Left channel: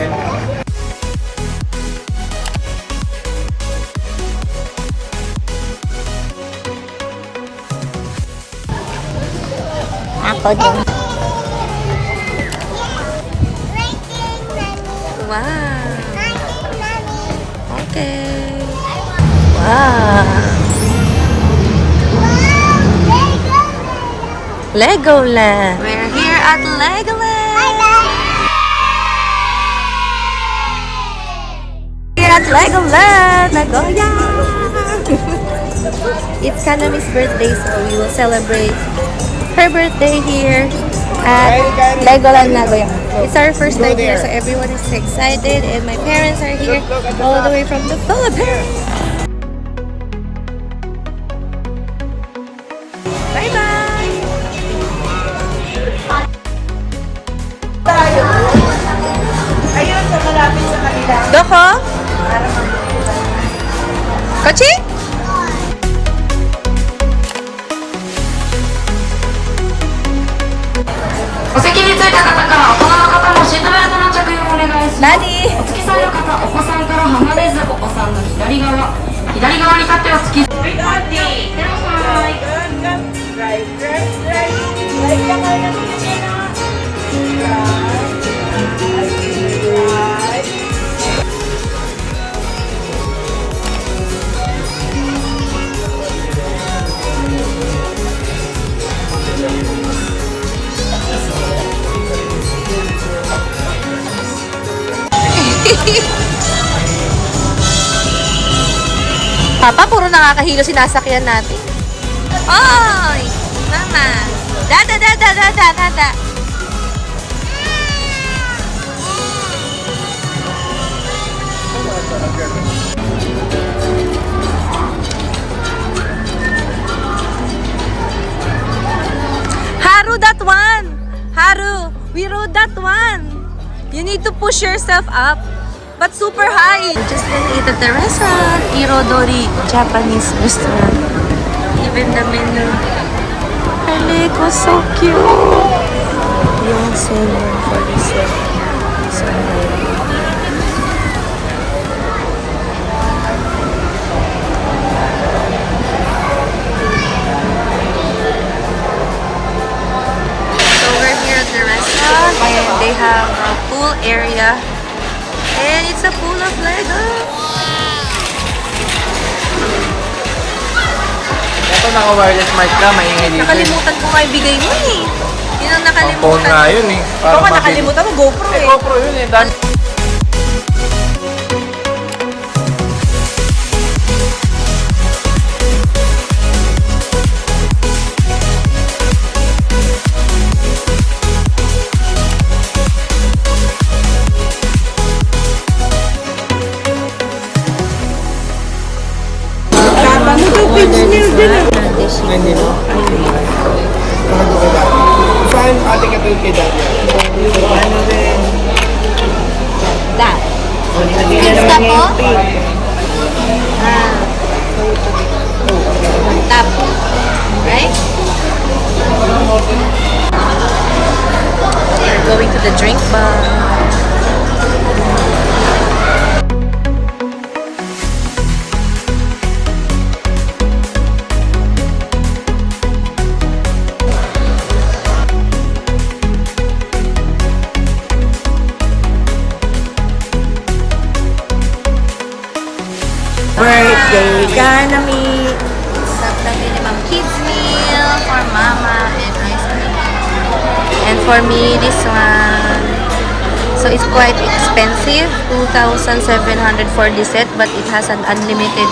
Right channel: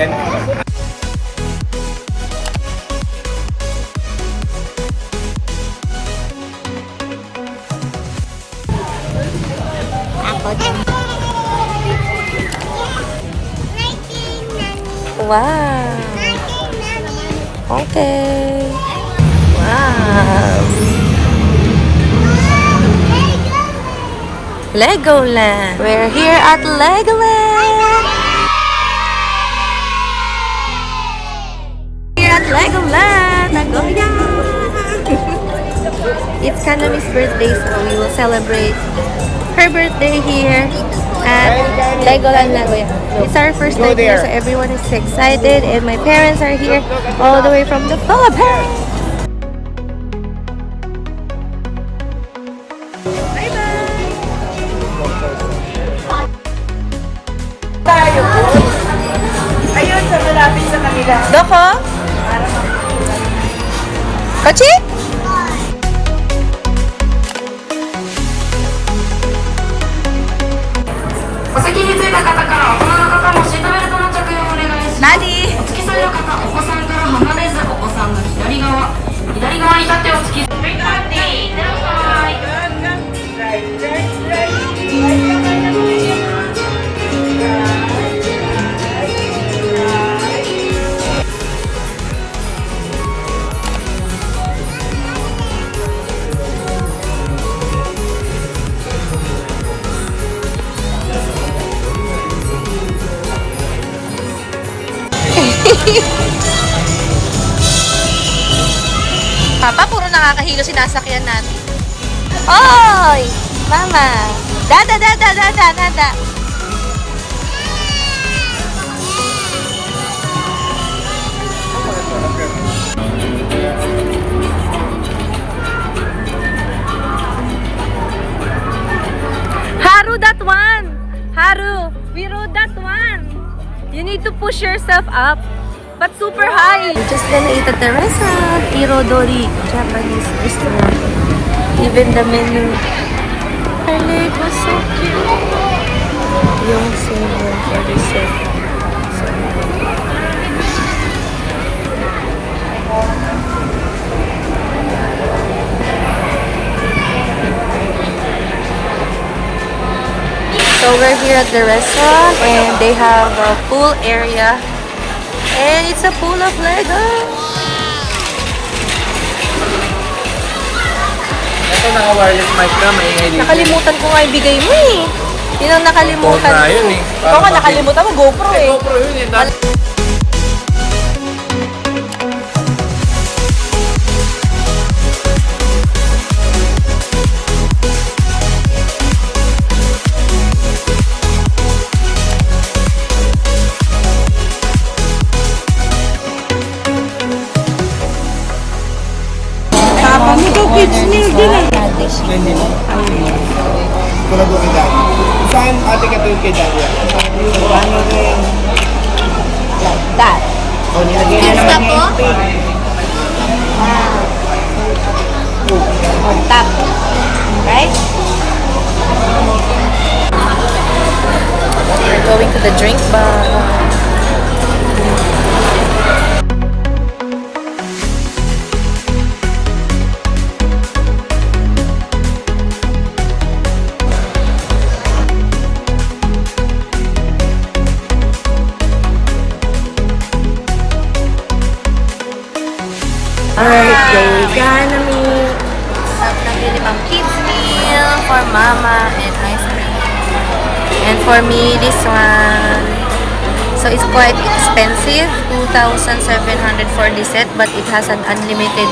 Wow. Okay. Wow. Legoland. We're here at Legoland. Here at Legoland, Nagoya. It's Kanami's birthday, so we will celebrate her birthday here at Legoland, Nagoya. It's our first time here, so everyone is excited, and my parents are here all the way from the Philippines. Doko? Kochi? Nani? お付き添いの方、お子さんから離れず、お子さんの左側に立ってお付き添い。Papa, puro nakakahilo sinasakyan natin. Oy! Mama! Dada, dada, dada, dada! Haru, that one! Haru, we rode that one! You need to push yourself up. But super high. We're just gonna eat at the restaurant. Irodori Japanese restaurant. Even the menu. It was so cute. Yung same 147. So nice. So we're here at the restaurant and they have a pool area. And it's a pool of Lego. Ito naka-wireless mic na, maingay dito. Nakalimutan ko nga ibigay mo eh. Yun ang nakalimutan. GoPro yun eh. Ikaw nga nakalimutan mo, GoPro eh. GoPro yun eh. Ano daw kids meal din ah? Hindi mo? Tulad mo kay Daddy. Saan ate ka tulad kay Daddy? Ano rin? Like that. Extra po? On top. Right? We're going to the drink bar. Birthday Kanami. Stop na minimum kids meal for mama and ice cream. And for me, this one. So it's quite expensive, 2,700 for the set, but it has an unlimited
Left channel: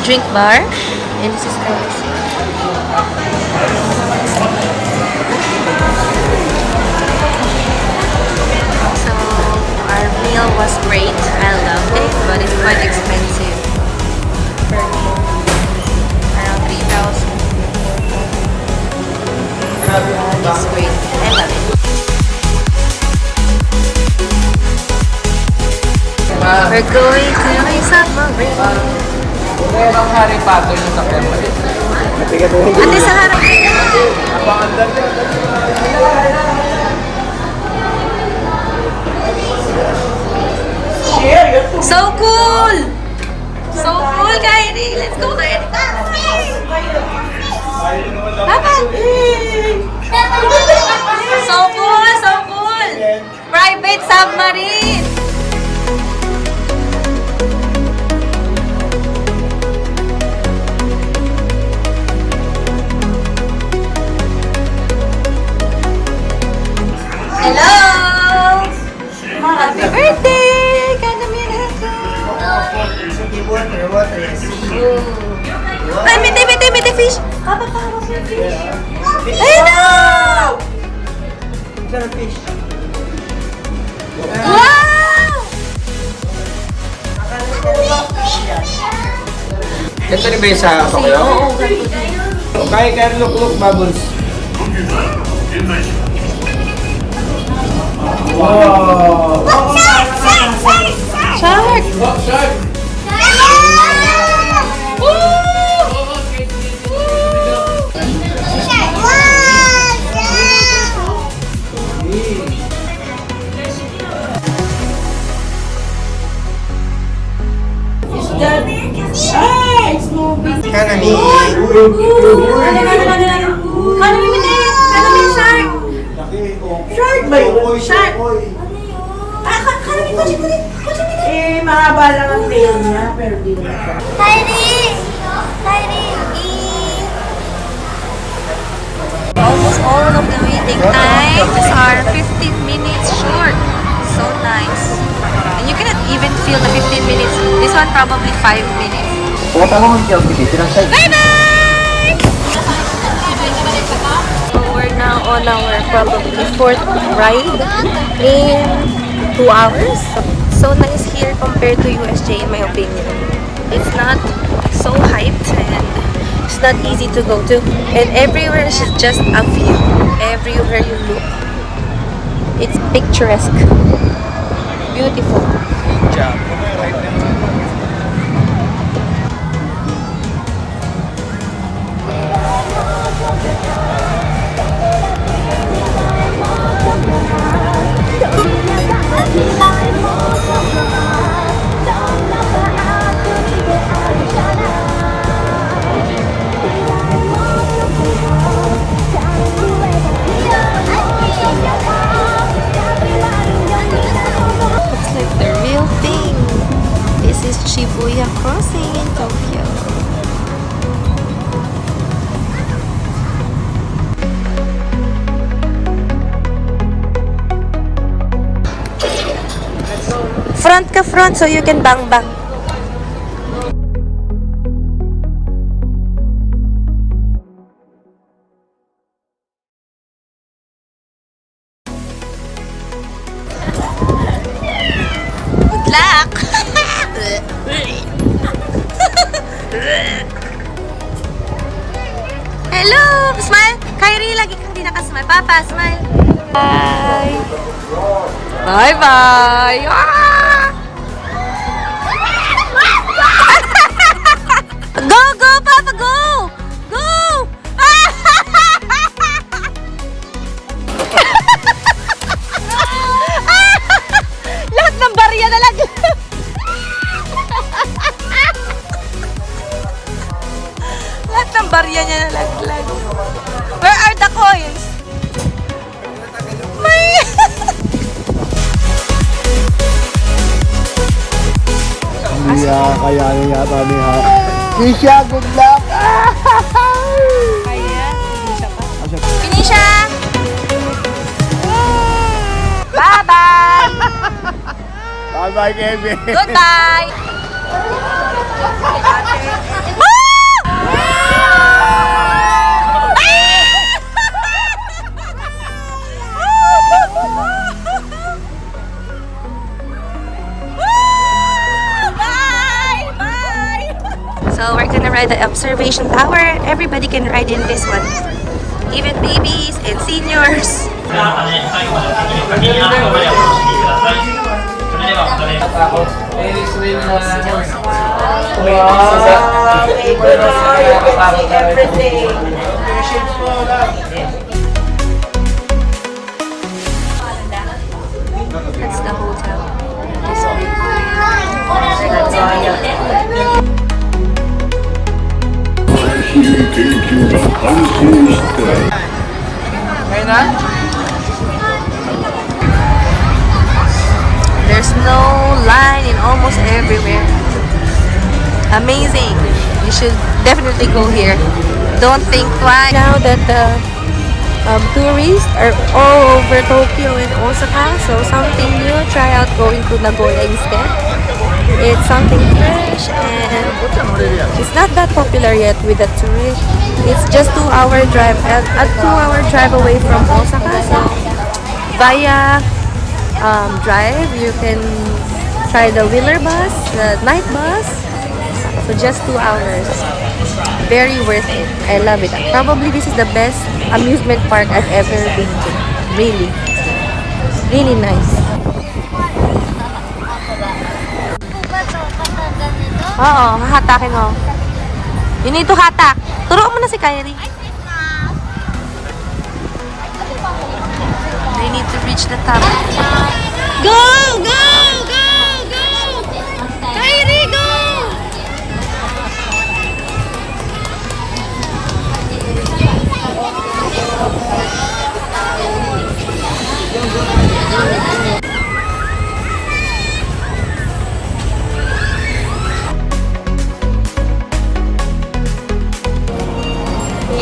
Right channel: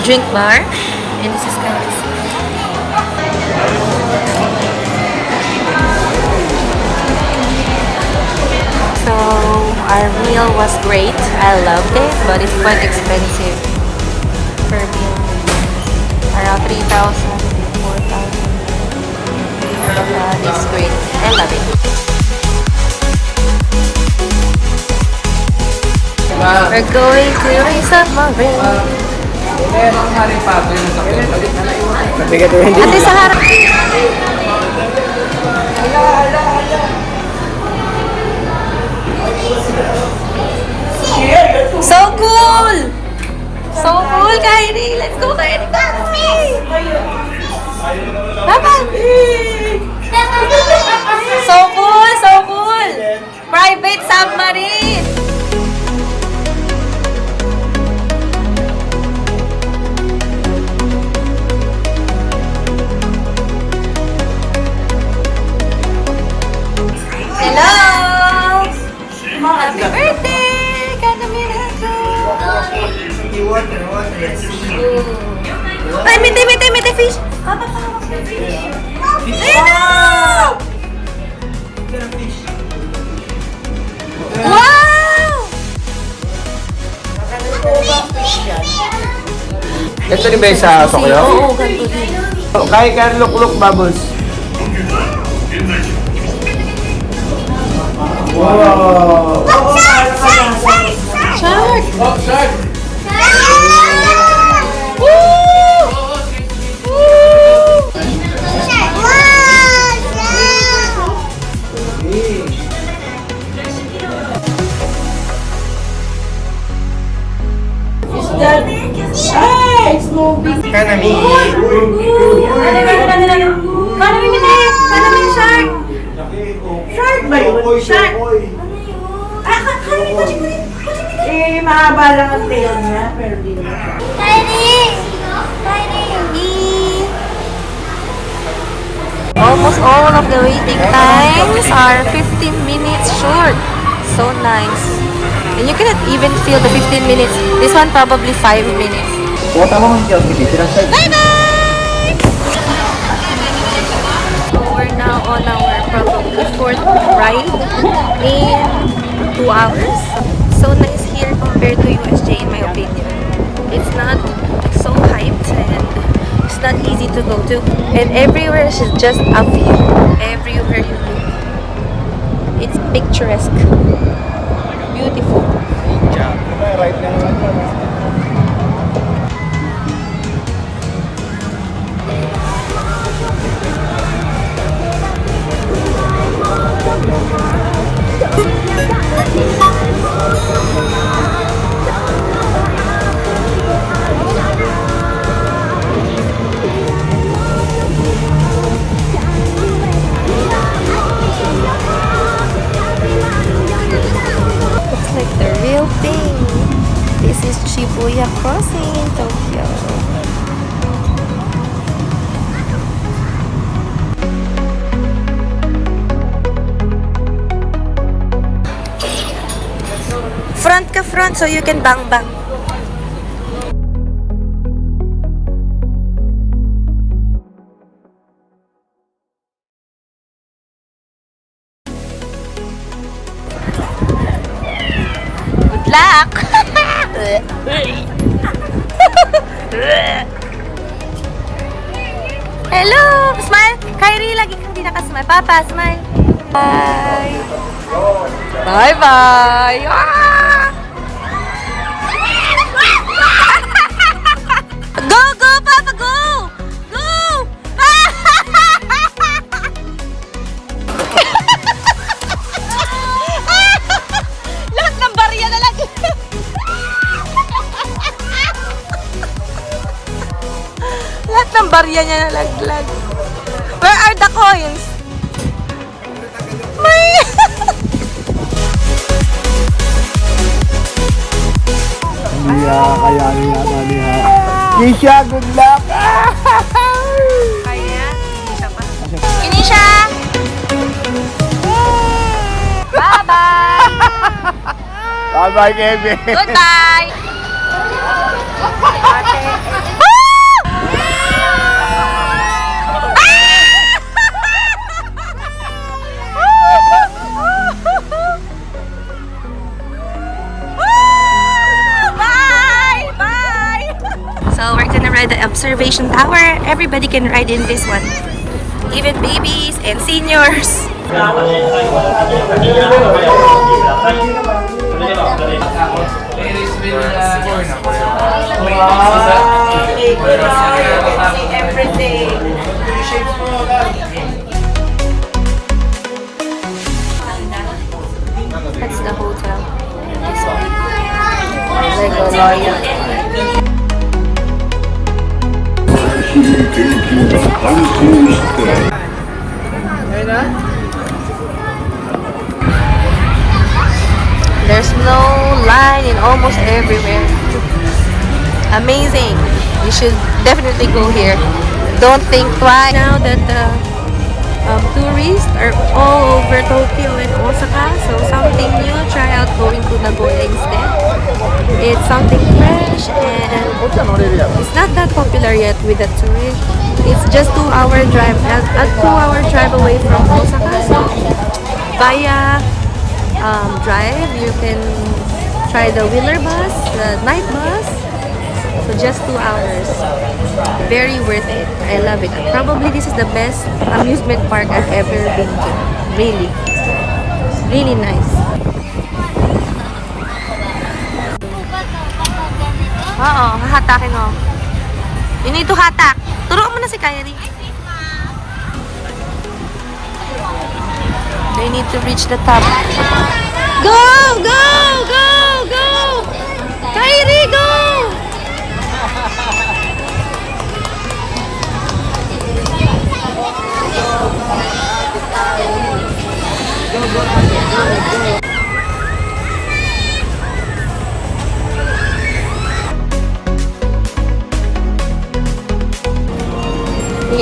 drink bar. And this is the receipt. So our meal was great. I loved it, but it's quite expensive. Per meal. Around 3,000 to 4,000. It's great. I love it. We're going to a submarine. Ate, sa harap. Kyrie! Let's go, Kyrie! Papa! So cool! So cool! Private submarine! Hello! Happy birthday! Kanamirako! Water, yes. Ay, miti, fish! Papa, fish! Wow! Sarap fish. Wow! Ito rin ba yung sa Oo, ganito din. Kaya ka look bubbles. Wow! Shark! Shark! Kanami. Kanami, shark! Shark ba yun? Shark! Eh, mahaba lang ang tail niya, pero di naman siya. Almost all of the waiting times are 15 minutes short. So nice. And you cannot even feel the 15 minutes. This one probably 5 minutes. Bye-bye! So we're now on our probably 4th ride in 2 hours. So nice here compared to USJ in my opinion. It's not so hyped and it's not easy to go to. And everywhere is just a view. Everywhere you look, it's picturesque. Beautiful. Looks like the real thing. This is Shibuya Crossing in Tokyo. Front ka front so you can bang bang. Good luck! Hello! Smile! Kyrie, lagi kang di nakasmile. Papa, smile! Bye! Bye-bye! Ah! Go, go, Papa, go! Go! Lahat ng barya na lang. Lahat ng barya niya nalaglag. Where are the coins? May... Hindi kayanin yata ni Ha. Kisha, good luck! Kinisha! Bye-bye! Bye-bye, Kevin! Goodbye! Bye! Bye! So we're gonna ride the observation tower. Everybody can ride in this one. Even babies and seniors. That's the hotel. This one. May na? There's no line in almost everywhere. Amazing. You should definitely go here. Don't think twice. Now that the tourists are all over Tokyo and Osaka, so something new, try out going to Nagoya instead. It's something fresh and it's not that popular yet with the tourists. It's just 2-hour drive, a 2-hour drive away from Osaka, so via drive you can try the wheeler bus, the night bus. So just 2 hours. Very worth it. I love it. Probably this is the best amusement park I've ever been to. Really. Really nice. Oo, hahatakin mo. You need to hatak. Turuan mo na si Kyrie. They need to reach the top. Go! Go! Go! Go! Kyrie, go!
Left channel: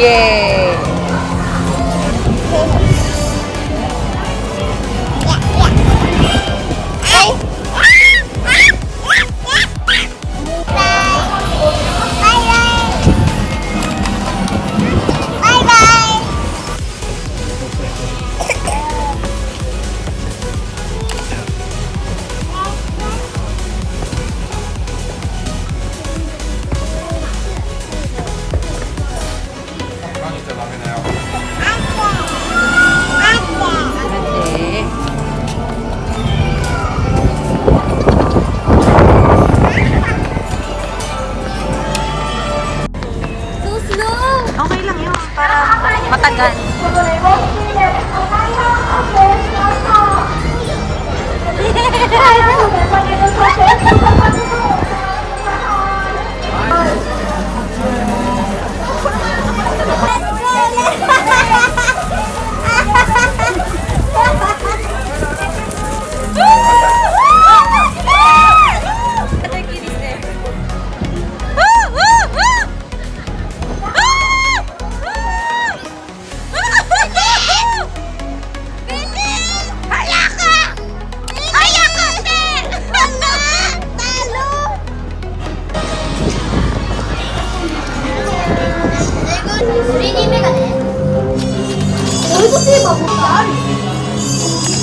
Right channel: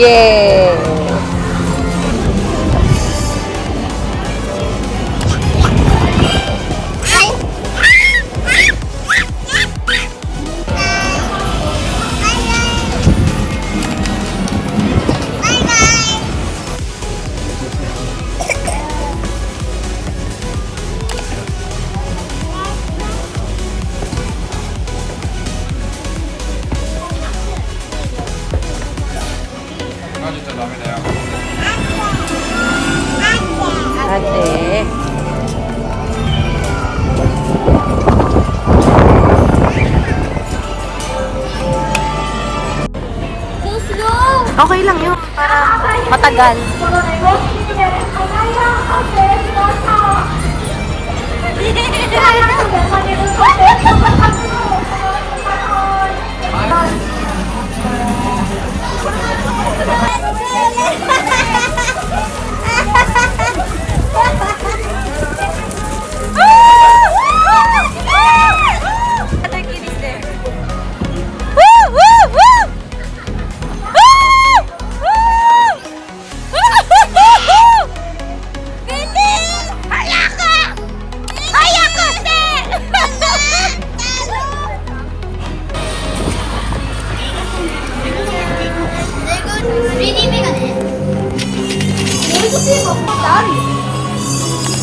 Yeah. Okay lang yun, para matagal.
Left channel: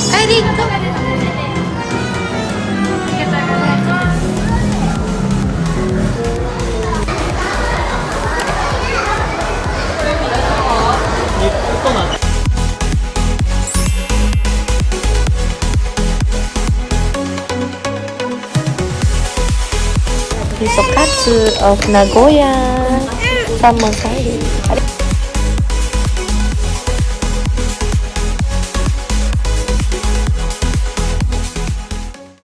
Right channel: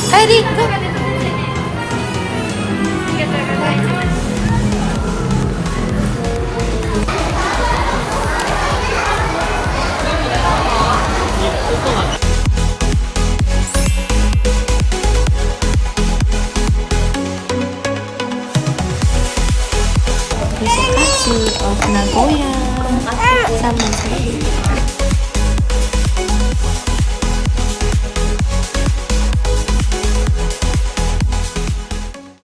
Kyrie, go! Hipokatsu of Nagoya. Samosai.